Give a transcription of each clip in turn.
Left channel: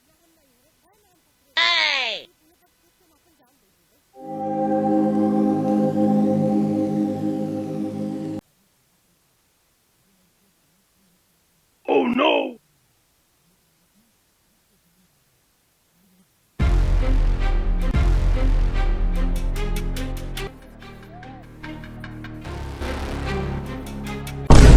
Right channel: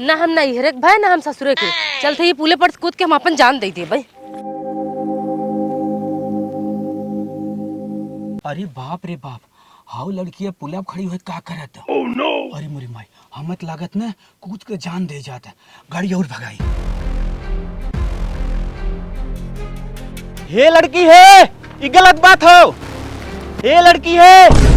ना हम नैहरे के भाई ना हम ससुरे के। चलते ही पुले पर कूद के हम अपन जान दे दिए भाई। अरे बाप रे बाप, हाउ लड़की पुलिया खड़ी हुई का करत। Oh no. अरे मोरी माई, हमत लागत ना कूद के जान दे जाता। गाड़ी और भगाई। ये लड़की है, ये गलत बात हो। ये लड़की है।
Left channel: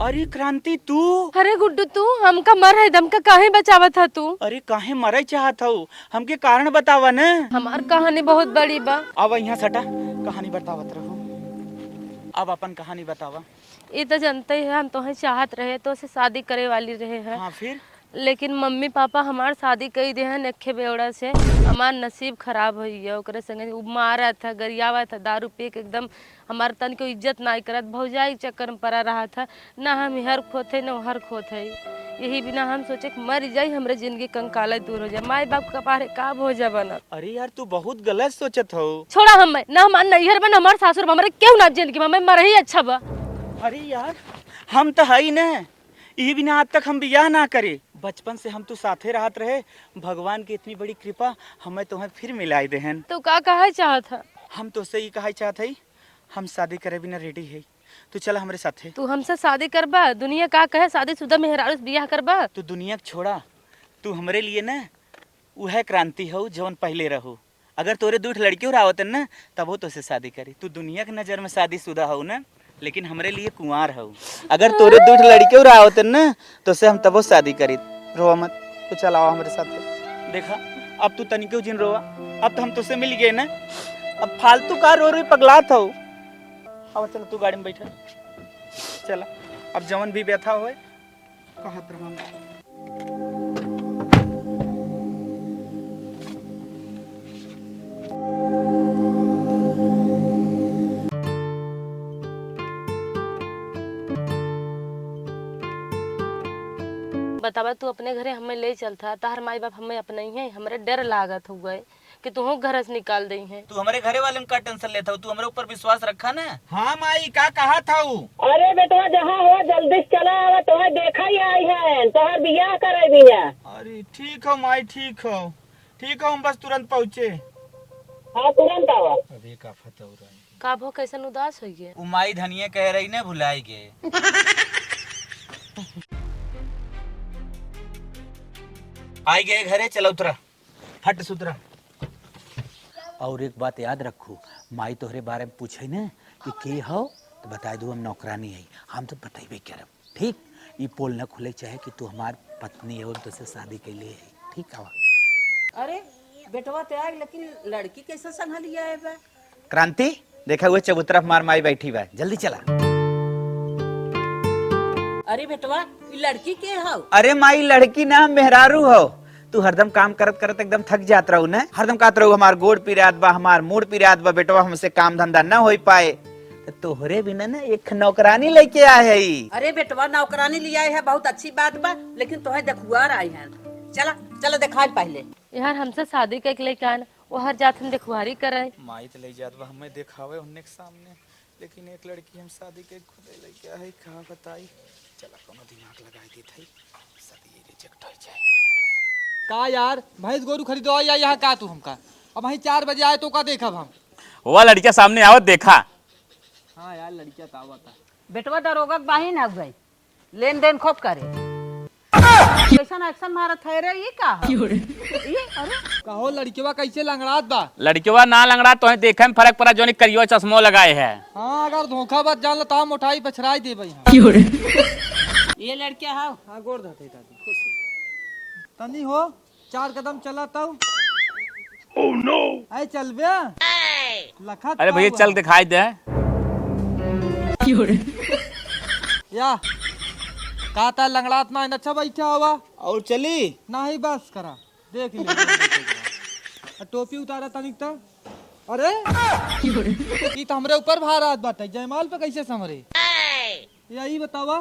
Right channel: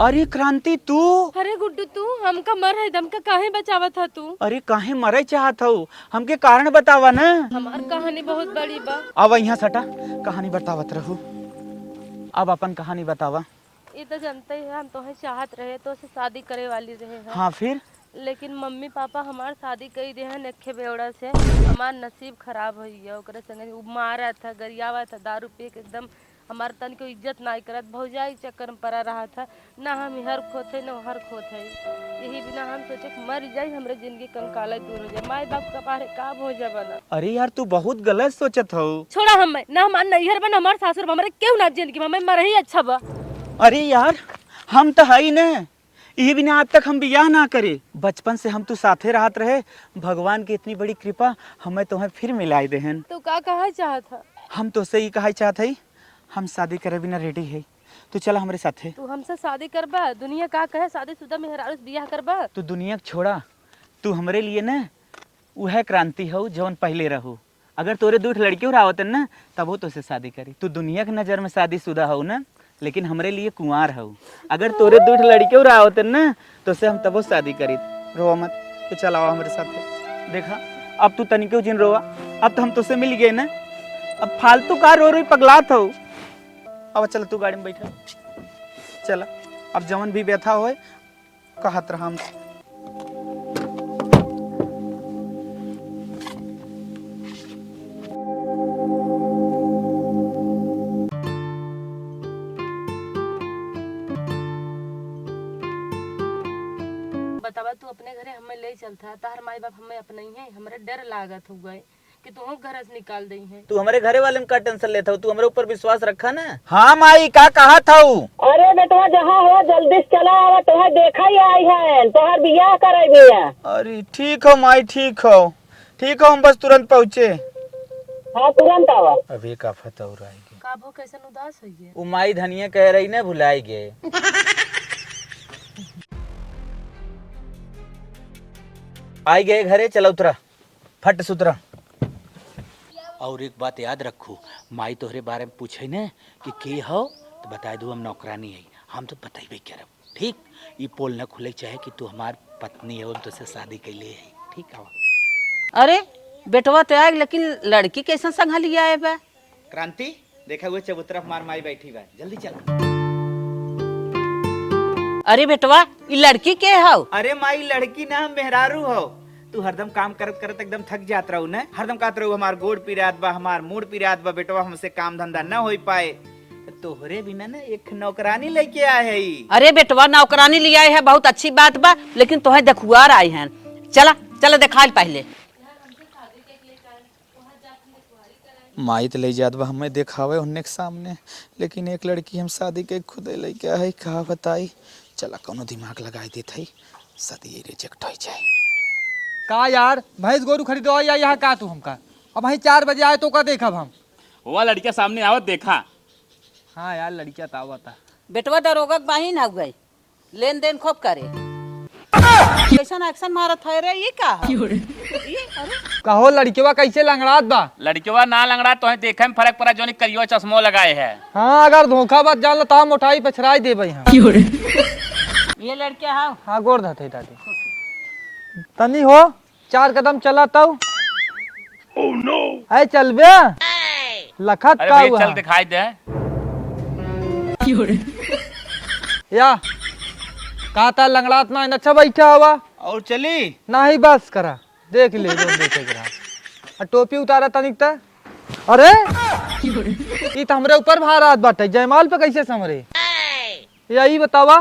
अरे क्रांति तू। अरे गुड्डू तू हमका मर है दम का काहे बचावत था तू? अरे काहे मरे चाहत हो, हमके कारण बतावा ना। हमार कहानी बहुत बड़ी बा। अब यहाँ सटा कहानी बतावत रहो। अब अपन कहानी बतावा। ये तो जानते ही है हम तो चाहत रहे तो से शादी करे वाली रहे हैं। हाँ फिर? लेकिन मम्मी पापा हमार शादी कई दे हैं नखे बेवड़ा से। हमार नसीब खराब हो गया। ओकरे संगे उ मारा था, गरियावा था, दारू पी के एकदम हमार तन को इज्जत ना करत। भौजाई चक्कर में पड़ा रहा था। ना हम हर खोथे न हर खोथे। यही बिना हम सोचे कि मर जाई हमरे जिंदगी कंकाला दूर हो जाए। माई बाप का पारे का हो जा बना। अरे यार तू बहुत गलत सोचत हो। छोड़ा हम ना हमार नैहर बन हमार सासुर हमरे क्यों ना जिंदगी में मर ही अच्छा बा। अरे यार हम तो है ना, ये बिना आज तक हम बियाह ना करे। बचपन से हम तो साथे रहत रहे। भगवान की इतनी बड़ी कृपा हमें तुम्हें फिर मिलाई बहन। तू का कहा चाहत है? हम तो सही कहा चाहत है, हम शादी करे बिना रेडी है। तो चल हमारे साथ है। तू हमसे शादी करबा? दुनिया का कहे शादीशुदा मेहरारू से बियाह करबा? तू दुनिया को छोड़ा, तू हमारे लिए ना वह क्रांति हो जौन पहले रहो। अगर तोरे दूठ लड़की हो आवतन ना तब वो तुझसे शादी करी। तू दुनिया की नजर में शादीशुदा हो ना, लेकिन हमारे लिए कुंवार हो। अगर तोरे दूठ लड़के और आवतन ना तो से हम तब शादी करी। रोवा मत, तो चल आओ हमारे साथ। देखा अब तू तनिके जिन रोवा, अब तो हम तुझसे मिल गए ना। अब फालतू का रो रो पगलात हो। अब चल तू गाड़ी में बैठे, चल अब जवन भी व्यथा होए कहत रहा। बतावा तू अपने घरे हमें ले चलता। तार माई बाप हमें अपने ही है। हमरे डर लागत हो गए कि तू घर से निकाल दई है। तू हमारे घरे वाले में का टेंशन लेता हो? तू हमारे ऊपर विश्वास रखा ना। हाँ माई का कहा था? अरे बेटवा जहाँ हो जल्दी से चला आवा, तुम्हें देखा ही आई है, तुम्हार बियाह करे बिया। अरे ठीक हो माई, ठीक हो ठीक हो, हम बस तुरंत पहुँचे। हाँ तुरंत आवा। अभी का फता हो रहा है का भो कैसन उदास हो गया? वो माई धनिया कह रही ना भुलाई गए। आई गए घरे, चला उतरा फट सुतरा। और एक बात याद रखो, माई तोहरे बारे में पूछे ना कि के हो तो बता दो हम नौकरानी है। हम तो बताइबे करब, ठीक? ये पोल न खुले चाहे कि तू हमार पत्नी है और तुझसे शादी कैले है, ठीक है? अरे बेटवा तो आए, लेकिन लड़की कैसा संभालिया है बा? क्रांति देखा हुए चबूतरा मार माई बैठी बा, जल्दी चला। अरे बेटवा ये लड़की के हो? अरे माई लड़की ना मेहरारू हो। तू हरदम काम करत करत एकदम थक जात रहू ना। हरदम कहत रहू हमार गोड़ पिरात बा, हमार मूड पिरात बा, बेटवा हमसे काम धंधा न हो पाए। तोहरे बिना ना एक नौकरानी लेके आए है। अरे बेटवा नौकरानी ले आए है, बहुत अच्छी बात बा, लेकिन तोहे देखुआर आए हैं। चला चला देखा पहले। यार हमसे शादी के लेके आना, वो हर जात हम देखुआरी करे। माई तो ले जात बा हमें देखावे उन्ने के सामने, लेकिन एक लड़की हम शादी के खुदे लेके आए। कहा बताई, चला कोनो दिमाग लगाई देत है, शादी रिजेक्ट हो जाए। का यार भैंस गोरू खरीदो या यहाँ का तू हमका? अब भाई 4 बजे आए तो का देखब हम? वो लड़किया सामने आवत देखा। हाँ यार लड़किया तो आवता। बेटवा दरोगा के बाही ना गए, लेन देन खूब करे। कैसा एक्शन मारत है रे? ये क्या कहो लड़किया कैसे लंगड़ात बा? लड़किया ना लंगड़ा तो देखे में फर्क पड़ा, जो करियो चश्मो लगाए है। हाँ अगर धोखा बात जान लो तो हम उठाई पछराई दे भाई। ये लड़किया है? हाँ गोर धते दादी तनी हो 4 कदम चला तब। Oh no. ऐ चल बे लखत। अरे भैया चल दिखाई दे। या कहता लंगड़ात ना अच्छा बैठा हवा और चली ना ही बस करा देख ले। टोपी उतारा तनिक ता। अरे ये तो हमरे ऊपर भारात बाटे, जयमाल पे कैसे समरे? यही बतावा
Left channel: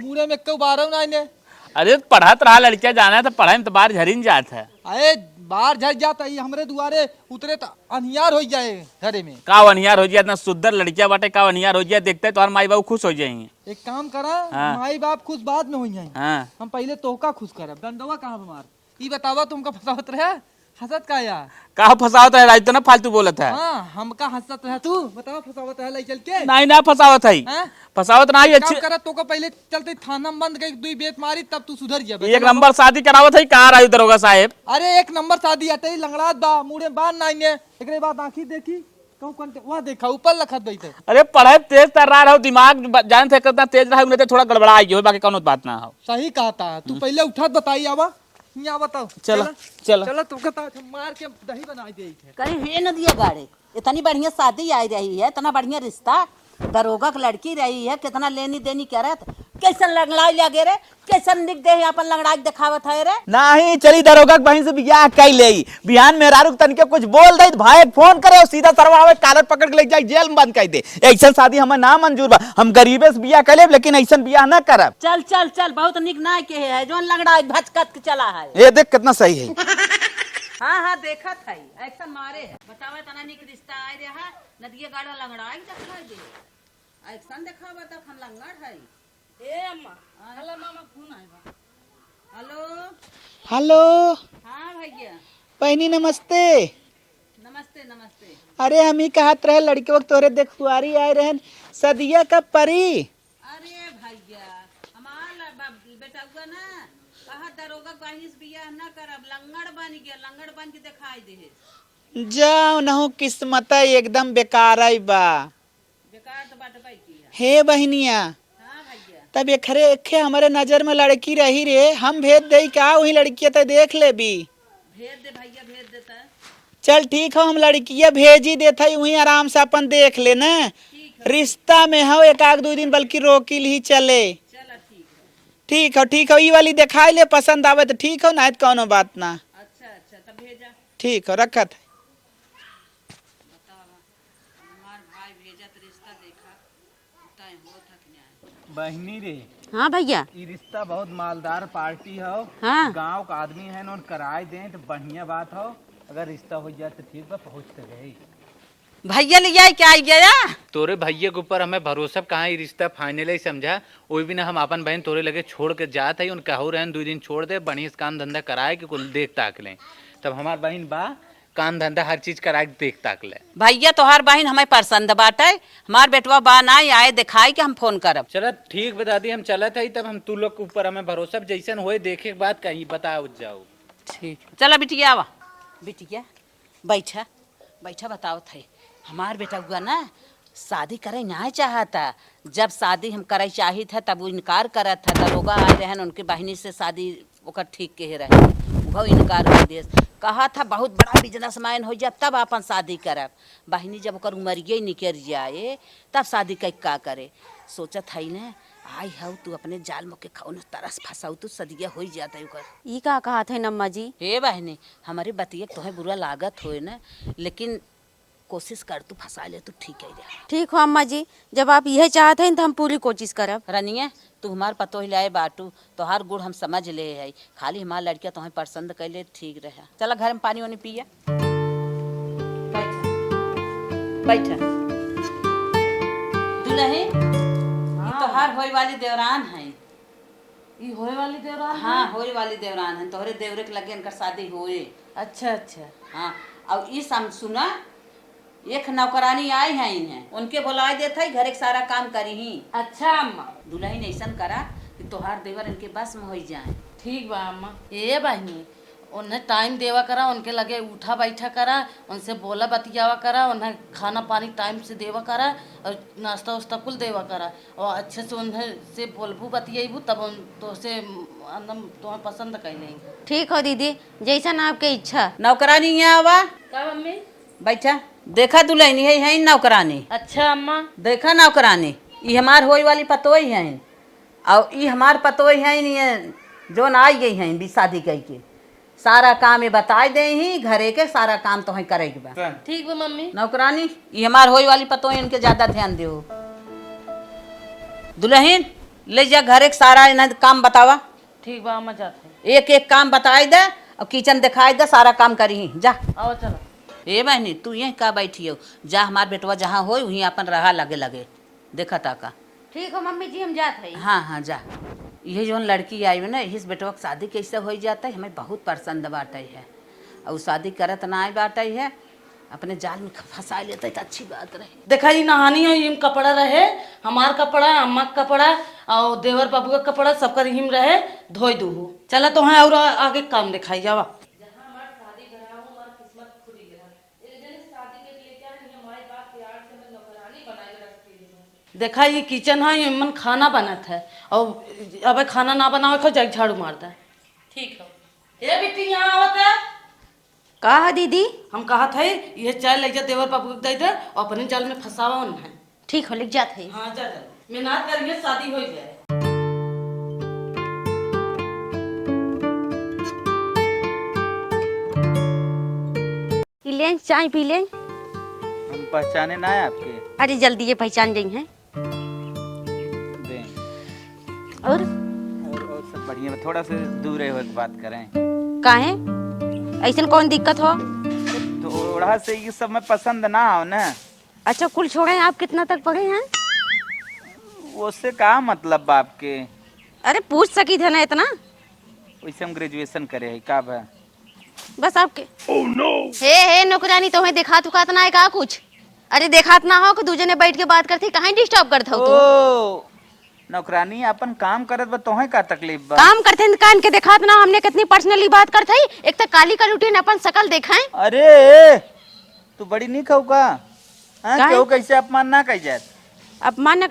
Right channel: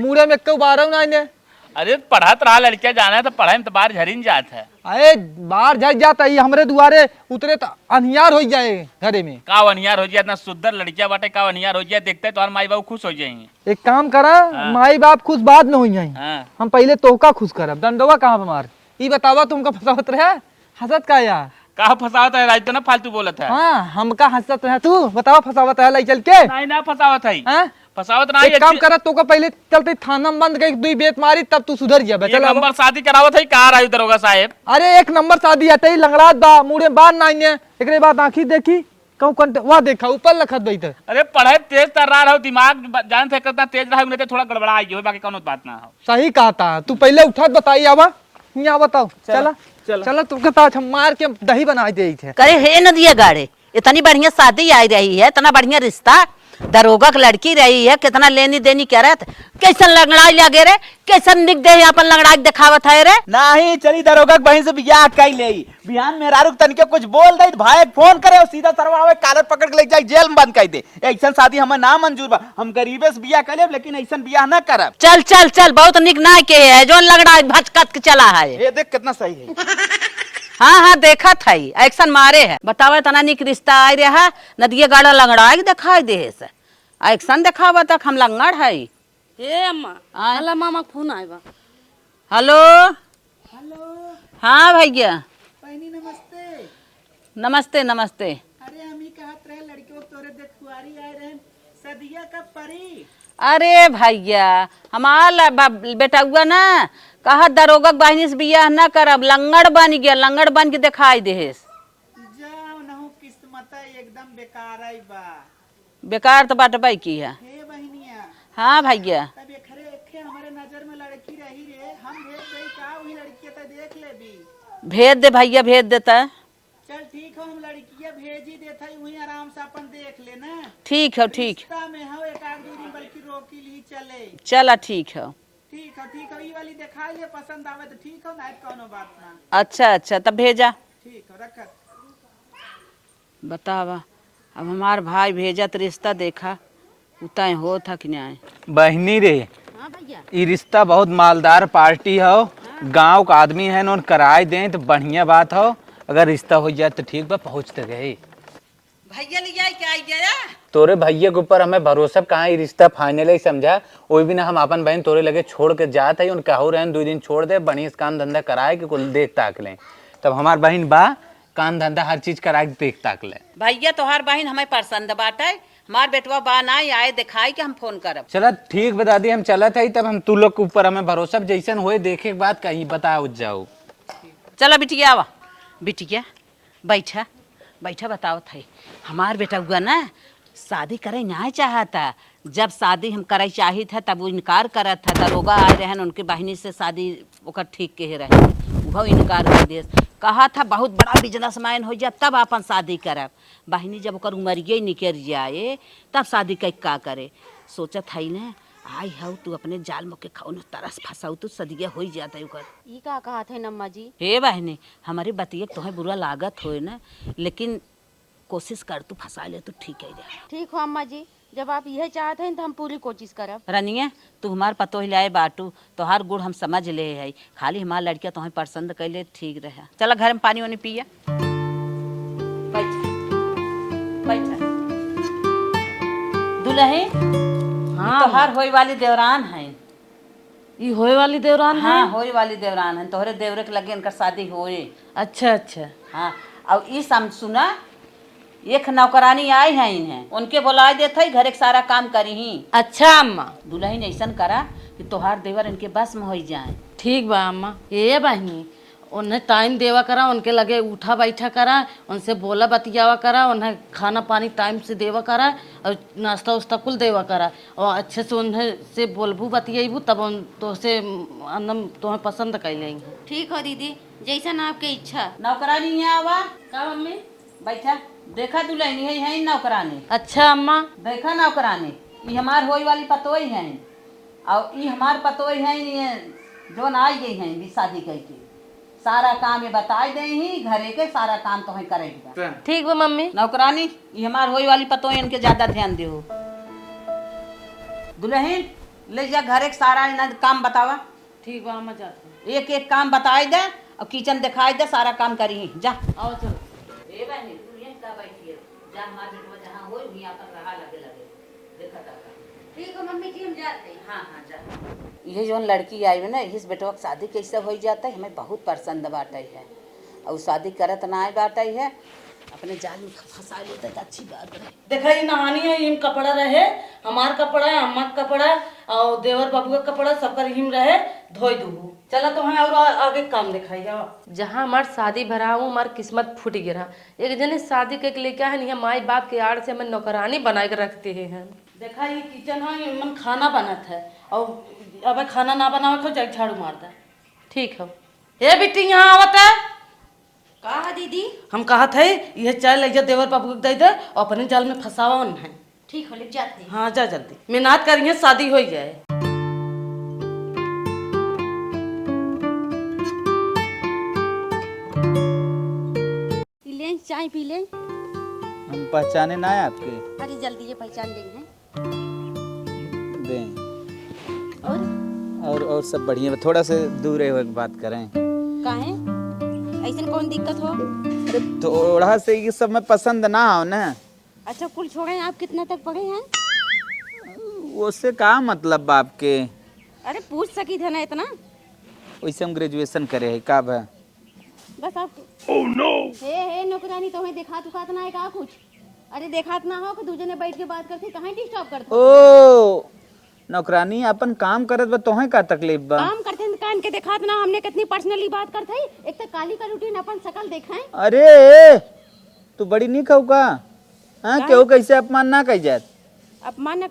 मुड़े में क्यों बारह ना इन्हें? अरे पढ़त रहा लड़के जाना है तो पढ़ाई में तो बाहर झरिन जात है। अरे बाहर झड़ जाता है हमरे दुआरे उतरे तो अनियार हो जाए घरे में। का अनियार हो जाए, इतना सुंदर लड़किया बाटे, का अनियार हो जाए, देखते तो माई बाबू खुश हो जाएंगे। एक काम करा, हाँ। माई बाप खुश बाद में हो जाए, हाँ हम पहले तोहका खुश करब। डंडवा कहाँ हमार ई बतावा, तुमका फसावत रहा हंसत का या? कहा फसावत है, राज तो ना फालतू बोलत है। हाँ हमका हंसत रहा, तू बतावा फसावत है लाई चल के। नहीं ना फसावत है, हाँ? फसावत ना एक काम करा, तो का पहले चलते थाना में बंद करके 2 बेत मारी तब तू सुधर जा। एक नंबर शादी करावत है, कहा राजू दरोगा साहेब। अरे 1 नंबर शादी हटे लंगड़ात बा, मुड़े बार ना आइने, एकरे बाद आंखी देखी कहूं कंट वा देखा ऊपर लखत बैठ। अरे पढ़ाई तेज कर रहा हो, दिमाग जान से करता तेज रहा है, तो थोड़ा गड़बड़ा आई हो, बाकी कोनो बात ना हो। सही कहा था तू, पहले उठत बताई आवा यहाँ बताओ। चला चलो। चला तुमके पास हम मार के दही बना दे थे। करे हे नदिया गाड़े, इतनी बढ़िया शादी आई रही है, इतना बढ़िया रिश्ता, दरोगा की लड़की रही है, कितना लेनी देनी क्या रहता, कैसन लंगड़ाई लगे रे, कैसन निक दे यहाँ पर लंगड़ाई दिखावत है रे। नहीं चली दरोगा बहन से बियाह कर ले, बिहान में रारुक तन के कुछ बोल दे, भाई फोन करे और सीधा सरवा में कालर पकड़ के ले जाए, जेल में बंद कर दे। ऐसा शादी हमें ना मंजूर बा, हम गरीबे से बियाह कर ले, लेकिन ऐसा बियाह ना करब। चल चल चल, बहुत निक ना के है जो लंगड़ा भचकत के चला है। ये देख कितना सही है। हाँ हाँ देखा था, एक्शन मारे है। बतावे तना निक रिश्ता आई रहा, नदिया गाड़ा लंगड़ा दिखाई दे से, एक्शन दिखावा तक हम लंगड़ है। ए अम्मा, अल्लाह मामा फोन आएगा। हेलो हेलो हाँ भैया, बहनी नमस्ते। नमस्ते नमस्ते। अरे हम ही कहत रहे लड़के वक्त तोरे देख कुआरी आए रहन, सदिया कब परी? अरे भैया हमारा बेटा हुआ ना, कहा दरोगा बहनी से बियाह न करब, लंगड़ बन गया, लंगड़ बन के दिखाई दे। जाओ नहु किस्मत एकदम बेकार आई बा। बेकार तो बात बाई की है। हे बहनिया, हाँ भैया, तब एखे हमारे नजर में लड़की रही रे, हम भेज दे का वही लड़की तो देख ले भी। भेज दे भैया, भेज देता। चल ठीक हो, हम लड़किया भेज ही देता वही आराम से अपन देख ले ना। ठीक है, ठीक रिश्ता में हो 1-2 दिन बल्कि रोकिल ही चले। चला ठीक है। ठीक हो ठीक हो, ई वाली दिखाई ले, पसंद आवे तो ठीक हो, ना तो कोनो बात ना। अच्छा अच्छा तब भेजा। ठीक हो रखत। बतावा अब हमार भाई भेजत रिश्ता देखा उतय हो था कि नहीं। बहनी रे, हाँ भैया, ये रिश्ता बहुत मालदार पार्टी हो, हाँ। गांव का आदमी है नोन कराए दें तो बढ़िया बात हो, अगर रिश्ता हो जाए तो ठीक बा, पहुँचते गए। भैया ले जाए क्या आई गया? तोरे भैया के ऊपर हमें भरोसा कहाँ, ये रिश्ता फाइनल ही समझा। वही भी ना हम अपन बहन तोरे लगे छोड़ के जात है, उनका हो रहे 2 दिन छोड़ दे, बढ़िया से काम धंधा कराए कि कुल देख ताक लें। तब हमार बहन बा, काम धंधा हर चीज कराए देख ताक ले। भैया तोहार बहन हमें पसंद बाटे, हमार बेटवा बा ना आए दिखाई के हम फोन करब। चला ठीक बता दी, हम चला था तब हम तू लोग के ऊपर हमें भरोसा, जैसन होए देखे के बाद कहीं बताओ जाओ। ठीक, चला बिटिया आवा। बिटिया बैठा बैठा, बताओ थे हमार बेटा हुआ ना शादी करे ना चाहता, जब शादी हम करे चाही था तब वो इनकार करत था, दरोगा आ रहे हैं उनके बहनी से शादी ओकर ठीक के रहे, वो इनकार कर दिए, कहा था बहुत बड़ा बिजनेसमैन हो जाए तब अपन शादी करब। बहनी जब ओकर उमरिए निकल जाए तब शादी कर का करे, सोचत है ना आई हऊ तू अपने जाल में के खाओ ना तरस फंसाऊ तू सदिया हो जाता है ओकर। ई का कहा थे नम्मा जी? हे बहनी हमारे बतिया तुम्हें बुरा लागत हो ना, लेकिन कोशिश कर तू फंसा ले तो ठीक है। ठीक हो अम्मा जी, जब आप यह चाहते हैं तो हम पूरी कोशिश करब। रनिए तू हमार पतो हिलाए बाटू, तोहार गुड़ हम समझ ले है, खाली हमार लड़किया तुम्हें पसंद कर ले ठीक रहे। चला घर में पानी वानी पिया, बैठा। दुल्हन हाँ तोहार होए वाली देवरान है। ये होए वाली देवरान है? हाँ होए वाली देवरान है, तोहरे देवरे के लगे इनकर शादी होए। अच्छा अच्छा। हाँ अब ये सम सुना, एक नौकरानी आई है इन्हें, उनके बुला देते ही घर एक सारा काम करी ही। अच्छा अम्मा, दुल्हन ऐसा करा कि तोहार देवर इनके बस में हो जाए। ठीक बा अम्मा। ये बहनी उन्हें टाइम देवा करा, उनके लगे उठा बैठा करा, उनसे बोला बतियावा करा, उन्हें खाना पानी टाइम से देवा करा और नाश्ता उस्ता कुल देवा करा, और अच्छे से उन्हें से बोलबू बतियाबू तब उन तो से अंदम तुम्हें पसंद कर लेंगे। ठीक हो दीदी, जैसा ना आपके इच्छा। नौकरानी यहाँ आवा, का मम्मी? बैठा। देखा दुल्हन है नौकरानी। अच्छा अम्मा। देखा नौकरानी, ये हमार होई वाली पतोई है, और ये हमार पतोई है जो ना आई गई है भी शादी कई के, सारा काम ये बताए दे ही, घरे के सारा काम तो ही करे बा। ठीक बा मम्मी। नौकरानी ये हमार होई वाली पतोई, इनके ज्यादा ध्यान दे। दुल्हन ले जा घर एक सारा इन्हें काम बतावा, ठीक बा हम जाते हैं। एक एक काम बताई दे और किचन दिखाई दे, सारा काम करी जा। आओ चलो। ए बहनी तू यहीं का बैठी हो, जा हमार बेटवा जहाँ हो वहीं अपन रहा लगे लगे देखा ताका। ठीक हो मम्मी जी, हम जाते हैं। हाँ हाँ जा। ये जो लड़की आई है ना, इस बेटवा की शादी कैसे हो जाता है, हमें बहुत पसंद बाटे है। और शादी करत ना आए बाटे है, अपने जाल में फंसा लेते तो अच्छी बात रहे। देखा ये नहानी है, ये कपड़ा रहे, हमार कपड़ा, अम्मा का कपड़ा और देवर बाबू का कपड़ा सबका हिम रहे, धोई दूँ। चला तो है और आगे काम दिखाई जावा। जहाँ हमार शादी भरा हूँ, हमार किस्मत फूट गिरा। एक जने शादी के लिए क्या है नहीं, माई बाप के आड़ से हमें नौकरानी बना के रखते हैं। देखा ये किचन है, ये मन खाना बनत है और अब खाना ना बनाओ खो जाए झाड़ू मार दे। ठीक है ये बेटी यहाँ आवत है। कहा दीदी? हम कहा थे ये चाय ले जा देवर बाबू को दे दे और अपने जाल में फंसावा है। ठीक हो, लिख जाते हैं। हाँ जा जल्दी, मेहनत करेंगे शादी हो जाए। पी लें, चाय पी लें। हम पहचाने ना है आपके। अरे जल्दी ये पहचान गई हैं। दें। और और सब बढ़िया है। थोड़ा सा दूर है, बात करें। काहे? ऐसा कौन दिक्कत हो? अरे थोड़ा से ये सब में पसंद ना हो ना। अच्छा कुल छोड़े, आप कितना तक पढ़े हैं? उससे क्या मतलब आपके? अरे पूछ सकी थे ना इतना। वैसे हम ग्रेजुएशन करे है का है? बस आपके हे नौकरानी तुम्हें देखा तुकात ना है का कुछ? अरे देखात ना हो कि दूजे ने बैठ के बात करती, कहीं डिस्टर्ब करते हो? ओ नौकरानी अपन काम करत बा, तोहे का तकलीफ बा? काम करते हैं कान के देखात ना, हमने कितनी पर्सनली बात करते ही। एक तो काली का रूटीन अपन शकल देखा है। अरे तू बड़ी नहीं खाऊ का? हाँ क्यों कैसे अपमान ना कह जात? अपमान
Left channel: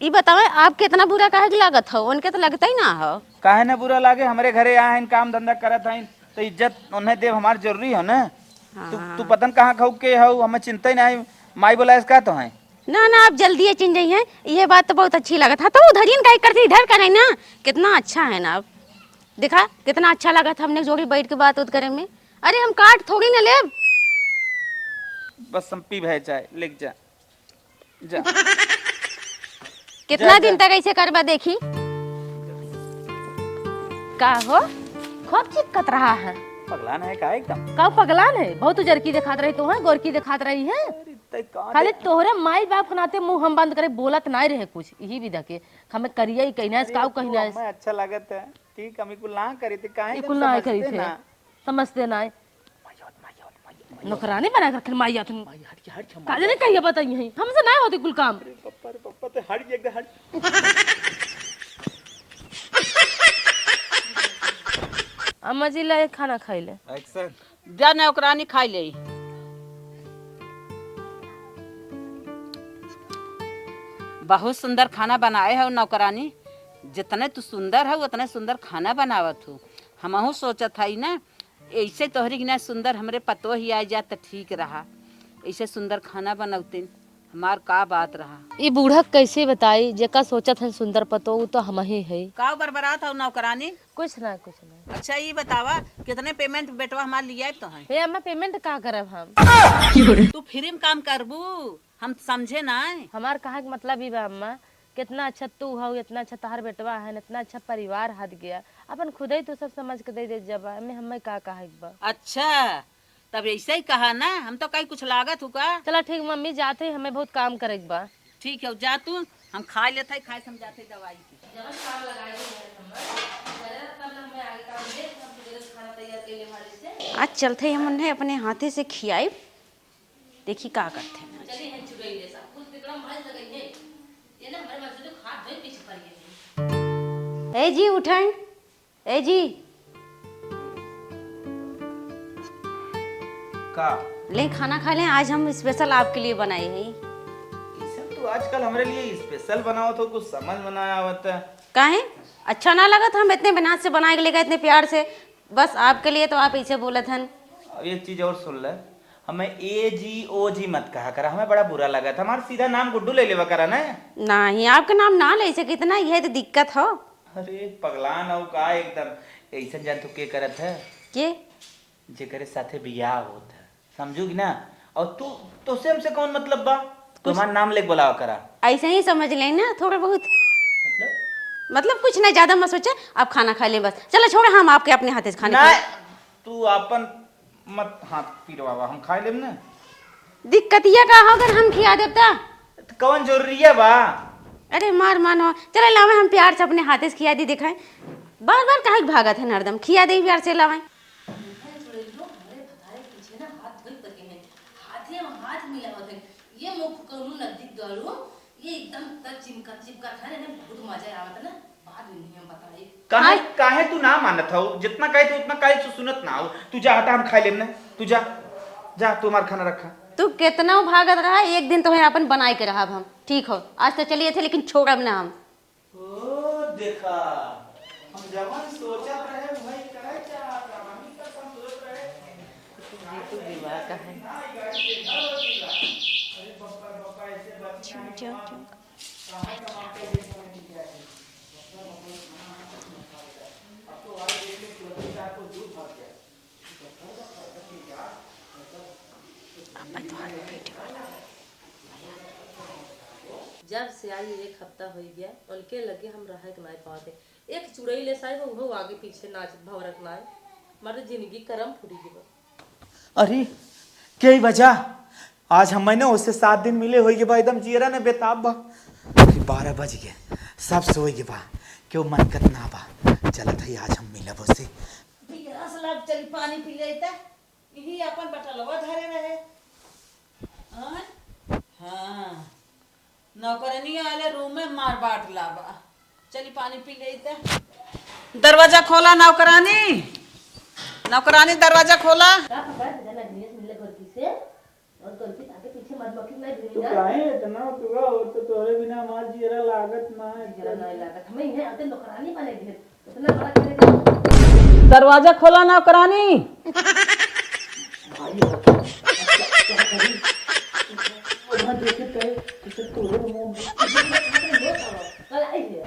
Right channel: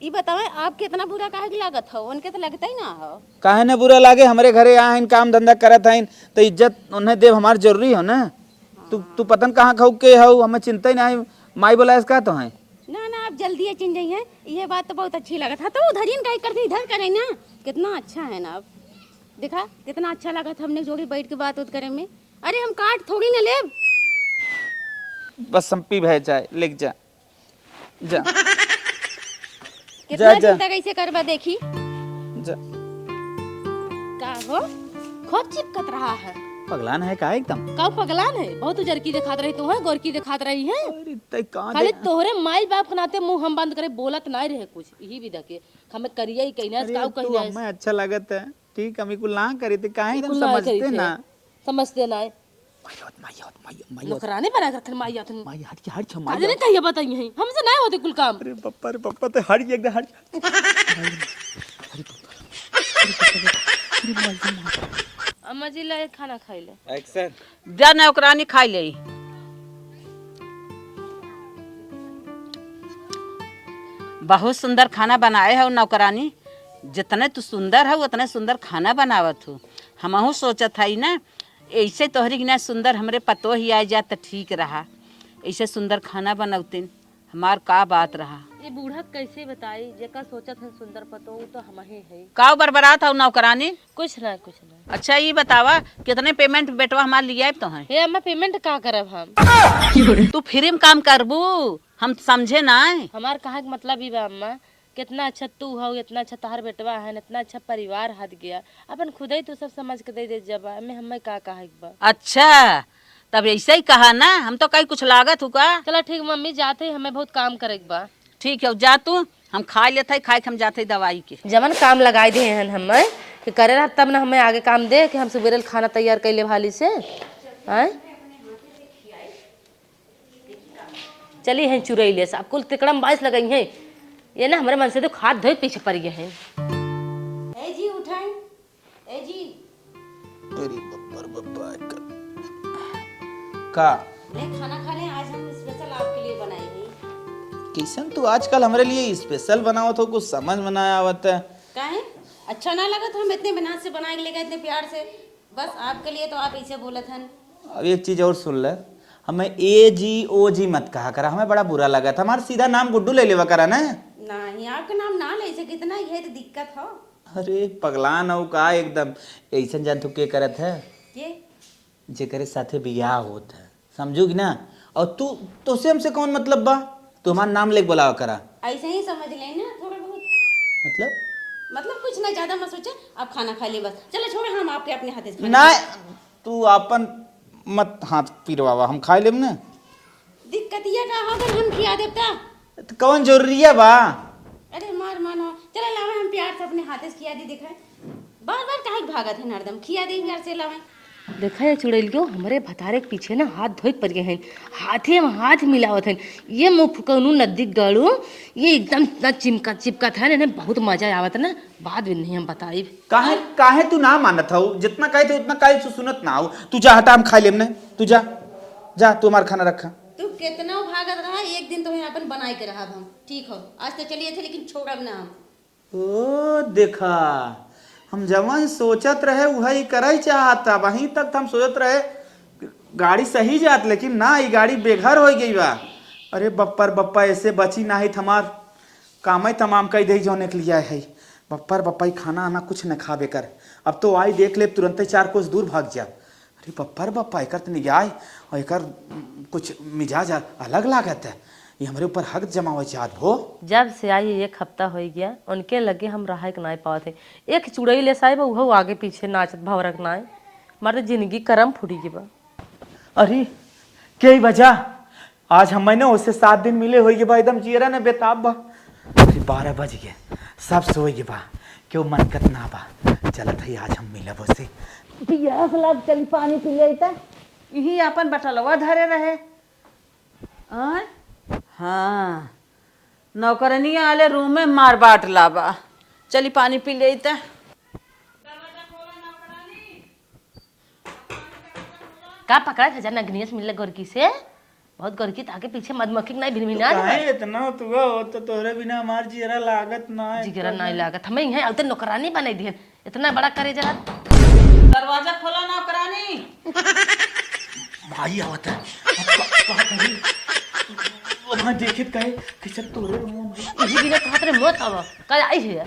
ये बताओ, आप कितना बुरा काहे की लागत हो? उनके तो लगता ही ना हो। काहे ना बुरा लागे, हमारे घरे आए हैं, काम धंधा करत हैं तो इज्जत उन्हें देव हमार जरूरी हो ना। तू पतन कहाँ खाऊ के हो, हमें चिंता ही नहीं। माई बोला इसका तो है ना ना, आप जल्दी चिन जाइए हैं। ये बात तो बहुत अच्छी लगा था। तो उधर ही का करती, इधर करें ना। कितना अच्छा है ना, आप देखा कितना अच्छा लगा था हमने जोड़ी बैठ के बात उत करें में। अरे हम काट थोड़ी ना ले। बस संपी भय चाहे लिख जा जा कितना जा। दिन तक ऐसे करबा देखी जा। का हो? खूब चिपकत रहा है। पगलान है का एकदम? का पगलान है, बहुत जरकी दिखात रही तुम्हें, गोरकी दिखात रही है। अरे तै कहाँ खाली तोहरे माई बाप के नाते मुंह हम बंद करे, बोलत ना रहे कुछ। यही भी देखे हमें करिया ही कहना है, काऊ कहना है। हमें अच्छा लागत है ठीक, हम कुल ना करे थे काहे कुल ना समझते करी थे। ना। समझते ना है। नौकरानी बना कर माई आत माई हट के हट छ काले ने कहिया बताई है, हमसे ना होती कुल काम। अरे पप्पा तो हट एकदम हट। अम्मा जी ला खाना खाई ले। एक्शन जा नौकरानी खाई ले। बहुत सुंदर खाना बनाए हो नौकरानी। जितने तू सुंदर है उतने सुंदर खाना बनावत हो। हमहू सोचत है ना, ऐसे तोहरी ना सुंदर हमरे पतो ही आ जात तो ठीक रहा। ऐसे सुंदर खाना बनौतीन, हमार का बात रहा। ये बूढ़ा कैसे बताई, जेका सोचत है सुंदर पतो वो तो हम ही है। का बरबरात हो नौकरानी? कुछ ना कुछ ना। अच्छा ये बतावा कितने पेमेंट बेटवा हमार लिया तो है? ये हमें पेमेंट का करब हम? तू फ्री में काम करबू, हम समझे ना। हमार कहा के मतलब ही बा अम्मा, कितना अच्छा तू हो, इतना अच्छा तार बेटवा है, इतना अच्छा परिवार हाथ गया, अपन खुद ही तो सब समझ के दे दे जब हमें हमें का कहा बा। अच्छा तब ऐसे ही कहा ना, हम तो कहीं कुछ लागत हुआ। चलो ठीक मम्मी, जाते ही हमें बहुत काम करे बा। ठीक है जा तू, हम खा लेते खाए हम जाते दवाई के। जवन काम लगाए दे हैं हमें तो करे रहा, तब ना हमें आगे काम दे कि हम सुबेरे खाना तैयार कर ले भाली से। आज चलते हैं उन्हें अपने हाथे से खियाए, देखी का करते हैं। चलिए हैं चुरैले से आपको तिकड़म बाइस लगाई है, ये ना हमारे मन से तो हाथ धोए पीछे पड़ गए हैं। ए जी उठाएं, ए जी का ले खाना खा लें, आज हम स्पेशल आपके लिए बनाए हैं। किशन तू आजकल हमारे लिए स्पेशल बनाओ तो कुछ समझ में ना आवत है। काहे अच्छा ना लगा था? हम इतने मेहनत से बना के लेगा, इतने प्यार से, बस आपके लिए, तो आप ऐसे बोले थे। अब एक चीज और सुन ले, हमें ए जी ओ जी मत कहा करा, हमें बड़ा बुरा लगा था। हमारा सीधा नाम गुड्डू ले लेवा करा ना। नहीं आपका नाम ना ले सके, कितना यह तो दिक्कत हो। अरे पगलान हो का एकदम। ऐसा जान तू के करत है के जेकरे साथे बियाह होत है, समझोगी ना। और तू तो से हमसे कौन मतलब बा? तू हमारा नाम लेके बोलावा करा। ऐसे ही समझ लें ना, थोड़ा बहुत मतलब मतलब कुछ नहीं, ज्यादा मत सोचे, आप खाना खा ले बस। चलो छोड़े, हम आपके अपने हाथे से खाने ना खिलाएं। तू अपन मत हाथ पिरवावा, हम खाए लेब ना। दिक्कत ये का होगा हम खिया देता। तो कौन जरूरी है बा? अरे मार मानो, चलो लावे हम प्यार से अपने हाथे से खिया दी, दिखाए बार बार काहे भागा था नरदम, खिया दे प्यार से लावे। देखा है चुड़ैल क्यों हमारे भतारे के पीछे ना हाथ धोई पड़ गए हैं, हाथे में हाथ मिलावत हैं। ये मुँह फुकनू नदी गड़ू, ये एकदम इतना चिपका था ना, बहुत मजा आवत ना, बाद में नहीं हम बताई। काहे काहे तू ना मानत हो? जितना कहे थे उतना काहे तू सुनत ना हो? तू जा हटा, हम खाए लेब ना। तू जा जा, तू हमारा खाना रखा। तू कितना भागत रहा, एक दिन तुम्हें अपन बनाए के रहा हम, ठीक हो? आज तो चलिए थे लेकिन छोड़ब ना हम। ओ देखा, हम जवन सोचत रहे वही करे चाहता, वहीं तक हम सोचत रहे गाड़ी सही जात, लेकिन ना ये गाड़ी बेघर हो गई बा। अरे बप्पर बप्पा ऐसे बची ना ही, हमार काम ही तमाम कई दे जोने के लिए है। बप्पर बप्पा ही खाना आना कुछ न खा बेकर, अब तो आई देख ले तुरंत ही 4 कोस दूर भाग जा। अरे बप्पर बप्पा एक निगाह और एक कुछ मिजाज अलग लागत है, ये हमारे ऊपर हक जमावे चाहत हो। जब से आई 1 हफ्ता हो गया, उनके लगे हम रहा के नहीं पाते थे। एक चुड़ैल ले साहिब वो आगे पीछे नाचत भवरक नाय, हमारे जिंदगी करम फूटी की बा। अरे क्या ही वजह, आज हम ना उससे 7 दिन मिले हो बा, एकदम चेहरा ने बेताब बा। 12 बज गए, सब सोए के बा, क्यों मन कत ना बा। चलत है आज हम मिलब उससे। पियास लाग, चल पानी पी लेता, यही अपन बटलवा धरे रहे। आय हाँ, नौकरनी आले रूम में मार बाट लाबा, चली पानी पी लेता। दरवाजा खोला नौकरानी, नौकरानी दरवाजा खोला। का पकड़ा था जाना अग्नियस मिलने गोरकी से, बहुत गोरकी ताके पीछे मधुमक्खी नहीं भिनभिना इतना तुआ हो तो तोरे बिना हमार जिगरा लागत ना है। जिगरा नहीं लागत, हमें यहाँ आते नौकरानी बने दिए, इतना बड़ा करे जा। दरवाजा खोला नौकरानी। भाई आवत वहां देखे कहे किसे तोरे मुंह किसी भी हाथ रे मत आवा, कल आई है।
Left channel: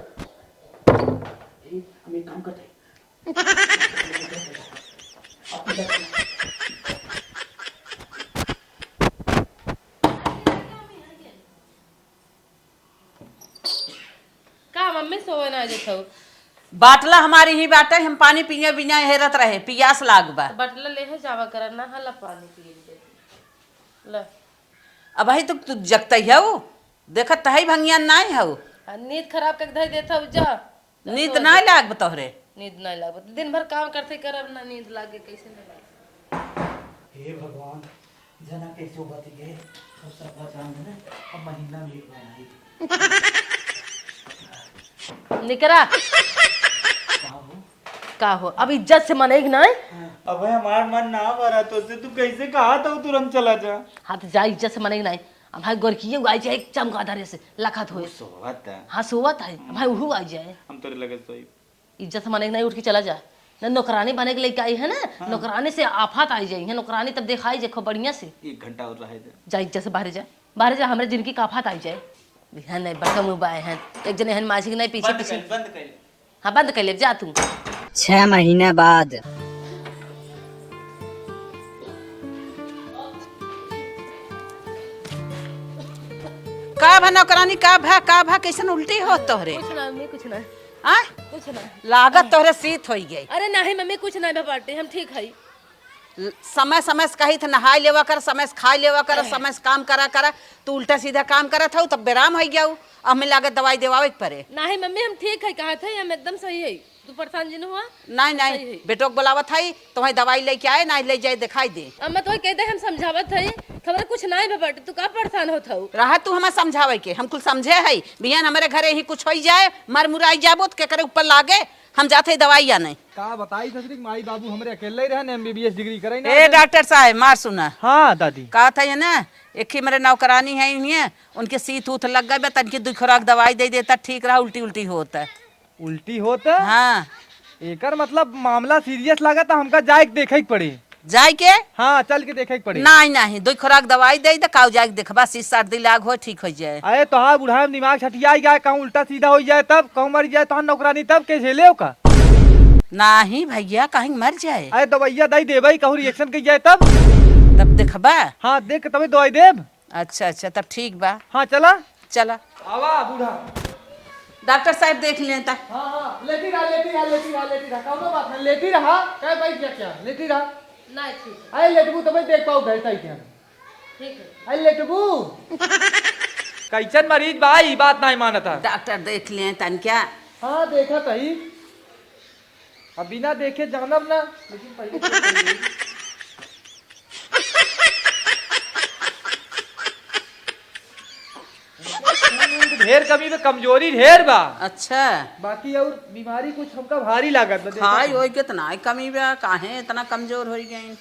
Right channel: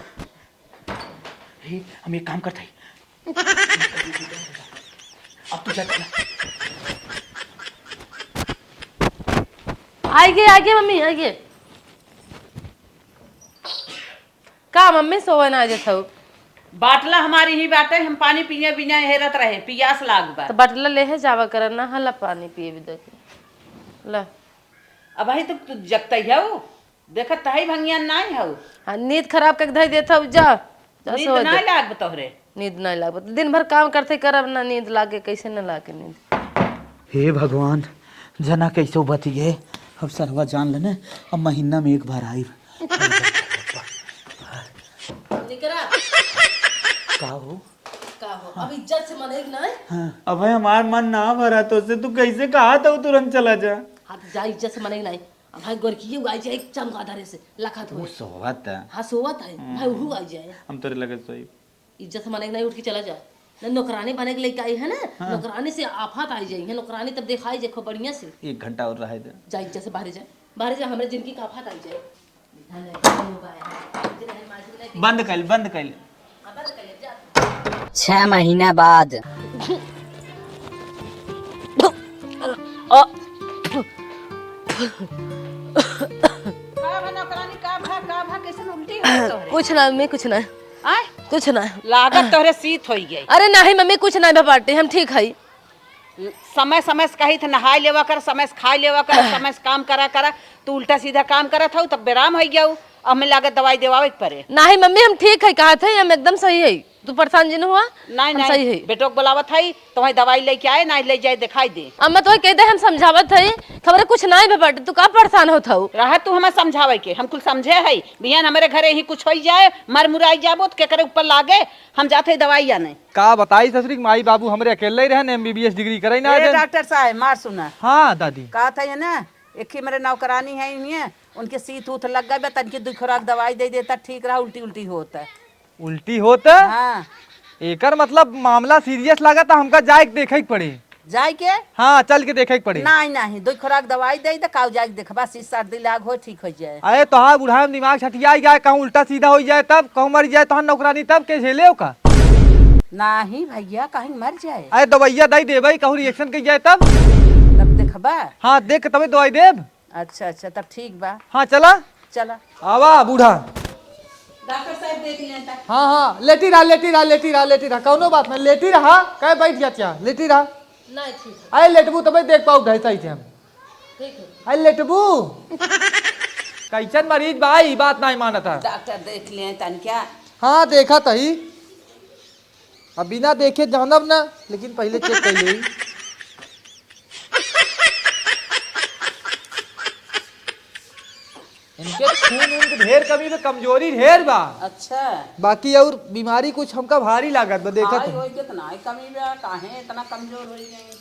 में हम एक काम करते हैं, अब तो आइए मम्मी आइए। का मम्मी सोए ना जे थौ? बाटला हमारी ही बाटे, हम पानी पिए बिना हेरत रहे, पियास लाग बा। तो बटला ले जावा करना, हला पानी पिए भी दे ला। अब ही तू जगत है, देखत है भंगिया नहीं है। नींद खराब कर धई देता जा। नींद नहीं लाग तोहरे? नींद नहीं लाग, दिन भर काम करते करब ना, नींद लागे कैसे न लागे नींद। हे भगवान, जना कैसे बतिए, अब सरवा जान लेने, अब महीना में एक बार आई। निकरा का हो, अब इज्जत से मनेगी ना। अब भाई हमार मन ना भरा तो से तू कैसे कहा था तुरंत चला जा। हाँ तो जा, इज्जत से मनेगी ना। अब भाई गोरकी आई जाए एक चमगादड़ से लखत हो सोवत है, हाँ सोवत है भाई, वो आ जाए हम तेरे लगे सोई। इज्जत से मनेगी नहीं, उठ के चला जा। नौकरानी बने के लेके आई है ना, नौकरानी से आफत आई जाए, नौकरानी तब दिखाई देखो बढ़िया से। 1 घंटा और रहे दे, जा इज्जत से बाहर जा, हमारे जिनकी आफत आई जाए। ध्यान नहीं बड़का मोबाइल है, एक जने हन मासी के नहीं पीछे बंद कर। हाँ बंद कर ले, जा तू। 6 महीना बाद का भा नौकरानी, का भा कैसे उल्टी हो तोहरे? कुछ ना मम्मी, कुछ ना, आय कुछ ना। लागत तोहरे सीत हो गई। अरे नहीं मम्मी, कुछ नहीं बाटे, हम ठीक है। समय समय से कही थे नहाय लेवा कर, समय से खाए लेवा कर, समय से काम करा कर, तू उल्टा सीधा काम करा था तब बेराम हो गया। अब हमें लागत दवाई देवावे के पड़े। नहीं मम्मी, हम ठीक है, कहा था हम एकदम सही है। तू परेशान जिन हुआ? नहीं हम सही है। बेटो बुलावत है, तुम्हें दवाई लेके आए ना, ले जाए दिखाई दे। अब मैं तो कह दे, हम समझावत है, खबर कुछ नहीं बाटे, तू का परेशान होत हो? रहा तू हमें समझावे के, हम कुल समझे है। बिहान हमारे घरे ही कुछ हो जाए, मर मुराई जाबो तो केकरे ऊपर लागे, हम जाते दवाई या नहीं। का बताई ससुरी माई बाबू हमरे अकेले ही रहने, MBBS डिग्री करे ना। डॉक्टर साहब मार सुना। हाँ दादी, कहा था ये ना, एक ही मेरे नौकरानी है उन्हें, उनके सीत उत लग गए, तनकी 2 खुराक दवाई दे देता, ठीक रहा। उल्टी उल्टी होता है। उल्टी होता? हाँ एकर मतलब मामला सीरियस लगा था, हमका जाए के देखे के पड़ी। जाए के? हाँ चल के देखे के पड़ी। नहीं 2 खुराक दवाई दे दे, काऊ जाके देखबा, 30-60 दिन लाग हो, ठीक हो जाए। अरे तो हाँ बुढ़ा दिमाग छटिया जाए, कहूँ उल्टा सीधा हो जाए तब, कहूँ मर जाए तो नौकरानी तब के झेले का। नहीं भैया, कहीं मर जाए। अरे दवाइया दई देबई, कहूँ रिएक्शन कर जाए तब देखबा। हाँ देख तब दवाई देब। अच्छा तब ठीक बा। हाँ चला चला आवा बूढ़ा। डॉक्टर साहब देख लेता। हाँ हाँ लेटी रहा कौनो बात नहीं, लेटी रहा कहे बैठ जा क्या लेटी रहा। नहीं ठीक अरे लेटबू तो भाई देख पाऊ ढाई सही थे हम। ठीक है। अरे लेटबू कैसन मरीज भाई बात नहीं मानता है। डॉक्टर देख लेता क्या? हाँ देखा तही, अब बिना देखे जानब ना, लेकिन पहले चेक कर ली। इनके खून वून के ढेर कमी में कमजोरी ढेर बा, अच्छा बाकी और बीमारी कुछ हमका भारी लागत बा देखा हाय तू। होई कितना ही कमी बा, काहे इतना कमजोर हो गई?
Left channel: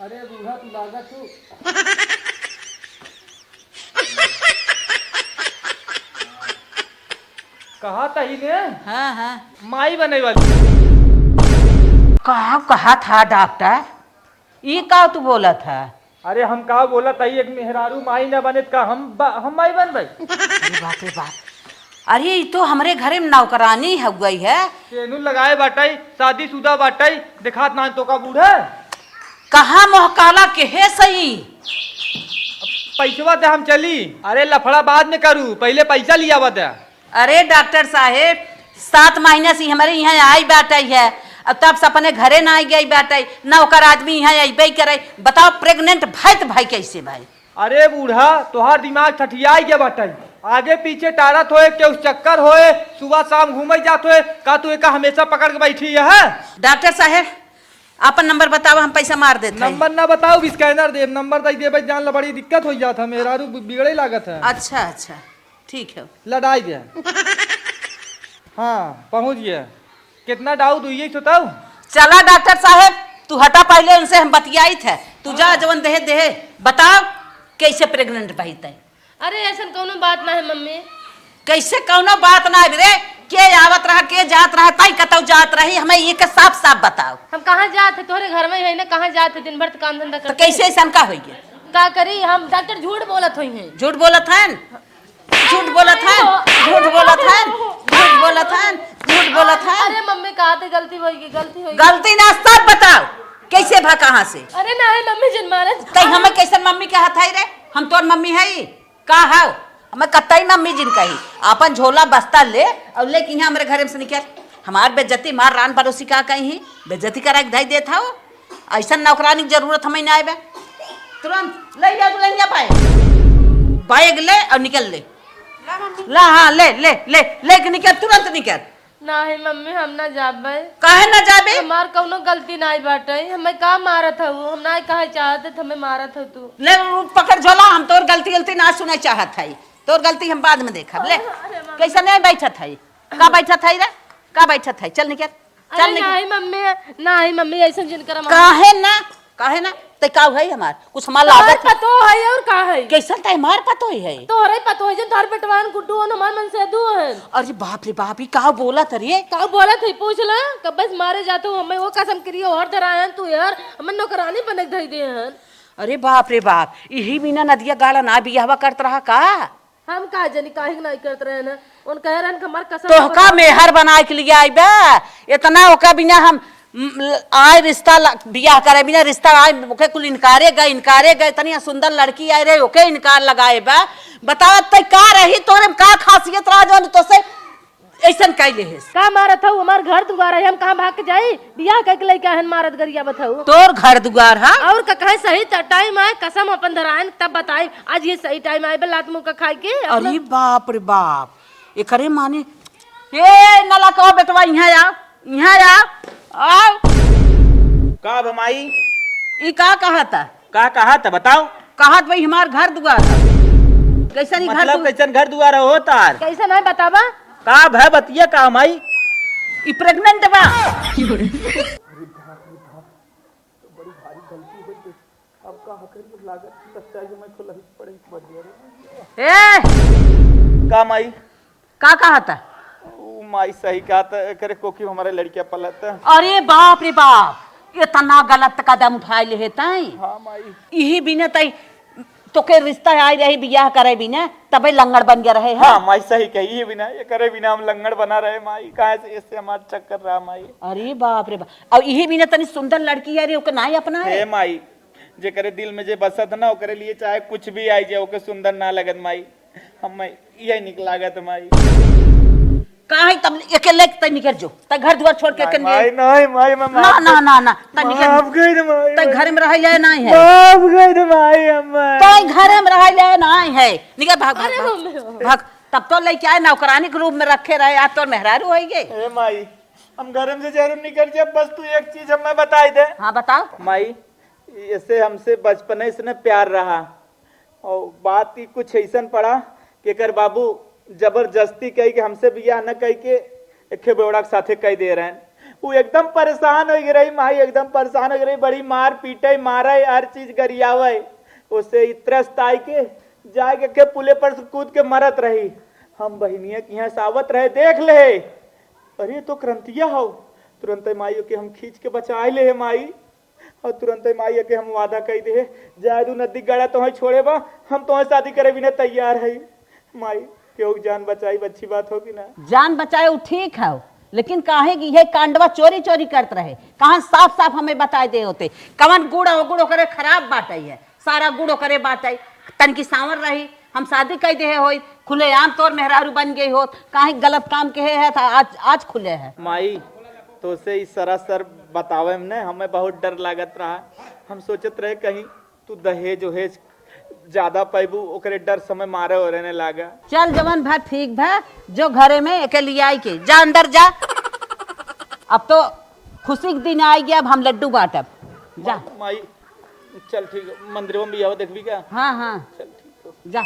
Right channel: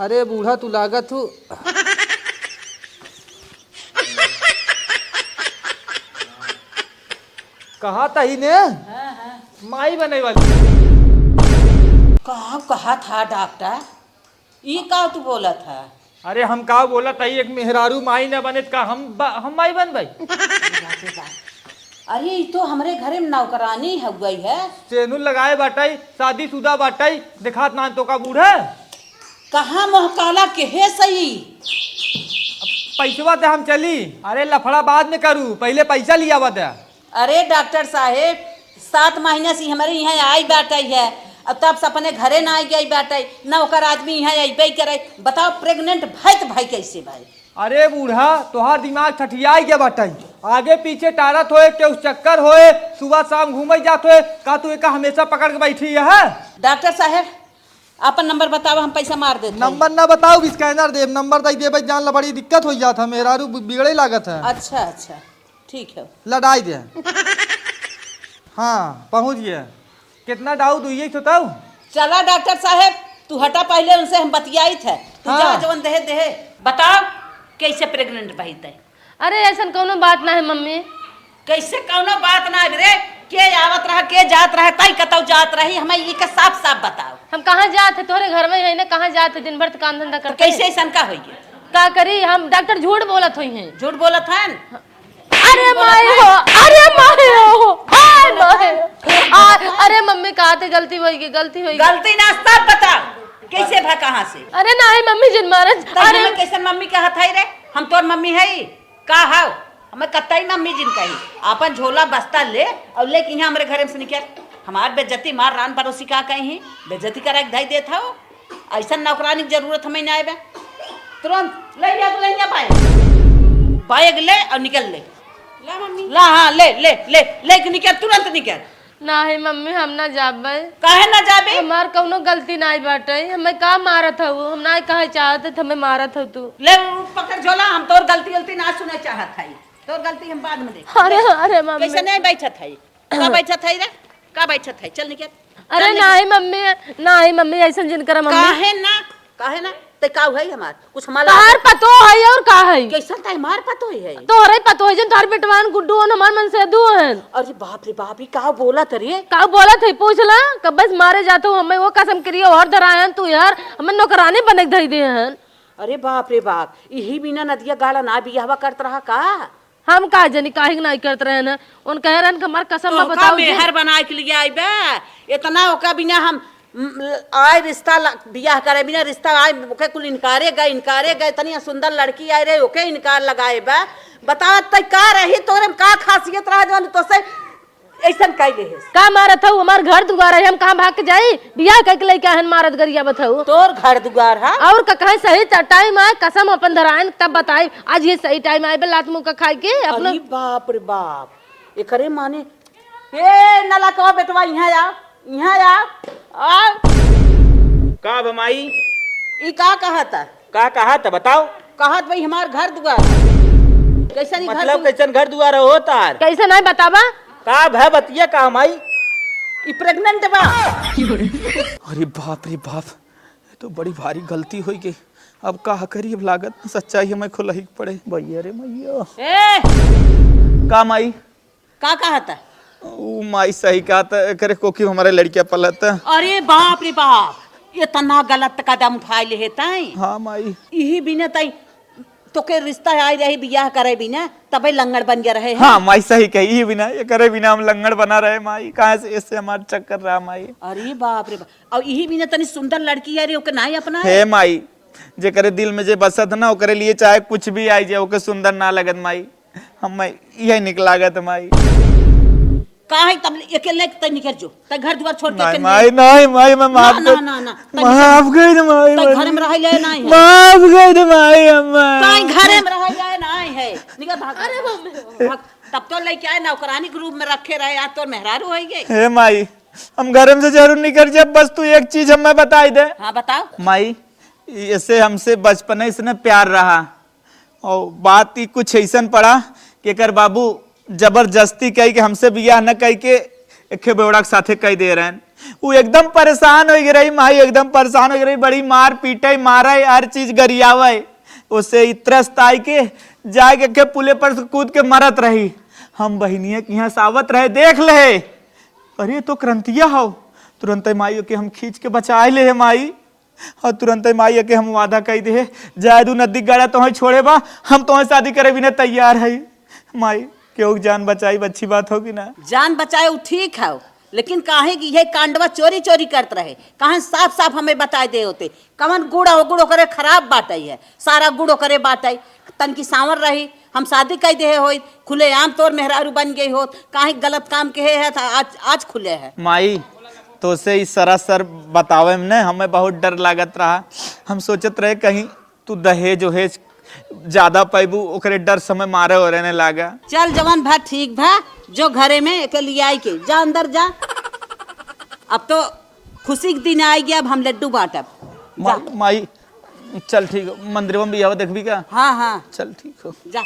अरे बूढ़ा तू लागत हूँ। कहा तही ने हाँ हाँ माई बने वाली। कहा था डॉक्टर? ये का तू बोला था? अरे हम का बोला तही एक मेहरारू माई न बने का हम माई बन भाई। बाप रे बाप, अरे ये तो हमारे घरे में नौकरानी हो गई है। सेनुर लगाए बाटाई, शादीशुदा बाटाई, दिखात ना तो का बूढ़ा। कहा मोहकाला के है सही? पैसवा दे हम चली। अरे लफड़ा बाद में करू, पहले पैसा लिया बता। अरे डॉक्टर साहेब 7 महीने से हमारे यहाँ आई बैठाई है, अब तब से अपने घरे ना आई गई बैठाई, नौकर आदमी यहाँ अबे करे। बताओ प्रेग्नेंट भाई तो भाई कैसे भाई? अरे बूढ़ा तोहार दिमाग ठठियाई के बाटाई, आगे पीचे टारत होए के चक्कर होए, सुबह शाम घूमे जात होए, का तू एक हमेशा पकड़ के बैठी है? डॉक्टर साहेब अपन नंबर बताओ, हम पैसा मार देते हैं। नंबर ना बताओ, स्कैनर दे, नंबर दे दे जान ला, बड़ी दिक्कत हो जाता, मेरा रू बिगड़े लागत है। अच्छा अच्छा ठीक है। लड़ाई दे। हाँ पहुंच गया। कितना डाउट हुई तो तब? चला डॉक्टर साहब तू हटा, पहले उनसे हम बतियाई थे। तू जा जवन देहे देहे बताओ कैसे प्रेग्नेंट भाई तय? अरे ऐसा कोनो बात ना है मम्मी। कैसे कौनो बात ना रे? के आवत रहा के जात रहा तई कतौ जात रही, हमें ये के साफ साफ बताओ। हम कहाँ जाते तुम्हारे घर में है ने, कहाँ जाते दिन भर तो काम धंधा तो करते। कैसे ऐसा का होगी? क्या करी हम? डॉक्टर झूठ बोलत हुई हैं। झूठ बोलत है? अरे माई हो, अरे माई हो, अरे मम्मी कहा थे गलती होगी, गलती होगी। गलती ना सब बताओ, कैसे भा कहाँ से? अरे नहीं मम्मी जिन मारे। तई हमें कैसे मम्मी कहा था रे? हम तोर मम्मी है का हाउ? हमें कतई मम्मी जिन कही अपन झोला बस्ता ले और लेके यहाँ हमारे घर में से निकल। हमार बेज्जती मार रान पड़ोसी का कहीं बेज्जती करा के धाई देता हो। ऐसा नौकरानी की जरूरत हमें ना आए, तुरंत ले जा पाए बैग ले और निकल ले। ला हाँ ले ले ले ले के निकल, तुरंत निकल। नहीं मम्मी हम ना जाबे। काहे ना जाबे? हमार कौनो गलती नहीं बाटे, हमें का मारत हो? हम ना कहे चाहते थे, हमें मारत हो तू। ले पकड़ झोला, हम तोर गलती गलती ना सुने चाहत है, तोर गलती हम बाद में देख। अरे अरे मम्मी कैसे नहीं बैठत है? का बैठत है रे? का बैठत है? चल निकल। अरे नहीं मम्मी, नहीं मम्मी ऐसे जिन कर मम्मी। काहे ना ते का है हमार कुछ हमार तोहर लागत पतो है और का है? कैसा ते हमार पतो है? तोहरे पतो है जन तोहर बेटवान गुड्डू और हमार मन से दू है। अरे बाप रे बाप, ये का बोला तो रे? का बोला थे पूछ ला, कब बस मारे जाते हो हमें वो कसम करियो और डरायन तू यार, हमें नौकरानी बने धई दे हैं। अरे बाप रे बाप, यही बिना नदिया गाड़ा ना बियाहवा करत रहा का? हम का जनी काहे नहीं करत रहे ना, उन कह रहन कि हमार कसम तो का मेहर बनाए के लिए आई बे? इतना ओका बिना हम आए रिश्ता बियाह करे बिना रिश्ता आए ओके कुल इनकारे गए इतनी सुंदर लड़की आए रे ओके इनकार लगाए बा। बता तय का रही तोरे में का खासियत रहा जो तो से ऐसन कहले है? का मारत हो? हमार घर दुआर है, हम कहां भाग के जाई? बियाह कह के लेके हन मारत गरिया बताऊ। तोर घर दुआर हा और का कहे सही टाइम आए कसम अपन धरायन तब बताई आज ये सही टाइम आए लात मुंह का खाए के अपना। अरे बाप रे बाप, एकरे माने ए नला को बेटवा यहाँ आ का बमाई? ई का कहा था? का कहा था बताओ? कहत भाई हमार घर दुआर कैसा नहीं? मतलब कैसन घर दुआर हो तार? कैसे नहीं बतावा? का भय बतिया का माई? ई प्रेग्नेंट बा। अरे बाप रे बाप, ये तो बड़ी भारी गलती हुई के अब का करी, अब लागत सच्चाई हमें खुलही पड़े। भैया रे भैया। ए का माई? का कहा था? ओ माई सही कहा था करे कोकी हमारे लड़कियां पलत। अरे बाप रे बाप, इतना गलत कदम उठाए ले ताई। हाँ माई, यही बिना तई तो के रिश्ता आई रही बियाह करे बिना तबे लंगड़ बन गया रहे। हाँ माई सही कही, बिना ये करे बिना हम लंगड़ बना रहे माई, कहाँ से इससे हमारा चक्कर रहा माई। अरे बाप रे बाप, अब यही बिना तनी सुंदर लड़की आ रही ओके ना अपना हे माई, जे करे दिल में जे बसत ना ओकरे लिए चाहे कुछ भी आई जाए ओके सुंदर ना लगत माई, हम यही निकलागत माई। काहे तब अकेले तय निकल जो तय घर द्वार छोड़ के माई नहीं माई मैं ना ना ना ना माफ गई रे माई तय घर में रह जाए नहीं है माफ गई रे माई अम्मा तय घर में रह जाए नहीं है निकल भाग भाग भाग तब तो लेके आए नौकरानी के रूप में रखे रहे आज तो मेहरारू होएंगे। हे माई हम घर में से जरूर निकल जाए, बस तू एक चीज हमें बताई दे। हाँ बताओ माई ऐसे हमसे बचपन इसने प्यार रहा और बात ही कुछ ऐसा पड़ा कि कर बाबू जबरदस्ती कही कि हमसे बियाह न कह के एक बेवड़ा के साथे कह दे रहे हैं। वो एकदम परेशान हो रही माई, एकदम परेशान हो रही, बड़ी मार पीटे मारा हर चीज गरियावे उससे इतरस्त आई के जाके के पुले पर कूद के मरत रही। हम बहनिया के यहाँ सावत रहे देख ले, अरे तो क्रांतिया हो तुरंत माई के हम खींच के बचाए ले माई, और तुरंत माई के हम वादा कह दे जादू नदी गाड़ा तुम्हें छोड़े बा हम तुम्हें शादी करे बिना तैयार है। माई क्यों जान बचाई अच्छी बात होगी ना। जान बचाए वो ठीक है लेकिन काहे की ये कांडवा चोरी चोरी करते रहे, कहाँ साफ साफ हमें बता दे होते कवन गुड़ो करे खराब बाटे है, सारा गुड़ो करे बाटे तन की सांवर रही हम शादी कह दे हो खुले आम तौर मेहरारू बन गई हो, काहे गलत काम के है था आज खुले है। माई तो से इस सरासर बतावे में न हमें बहुत डर लागत रहा, हम सोचत रहे कहीं तू दहेज उहेज ज्यादा पैबू ओकरे डर समय मारे हो रहने लागा। चल जवान भा ठीक भा जो घरे में एक लिए आई के जा अंदर जा अब तो खुशी के दिन आई गया, अब हम लड्डू बांटब जा। माई चल ठीक मंदिर में भी आओ देखबी का। हाँ हाँ चल ठीक हो जा।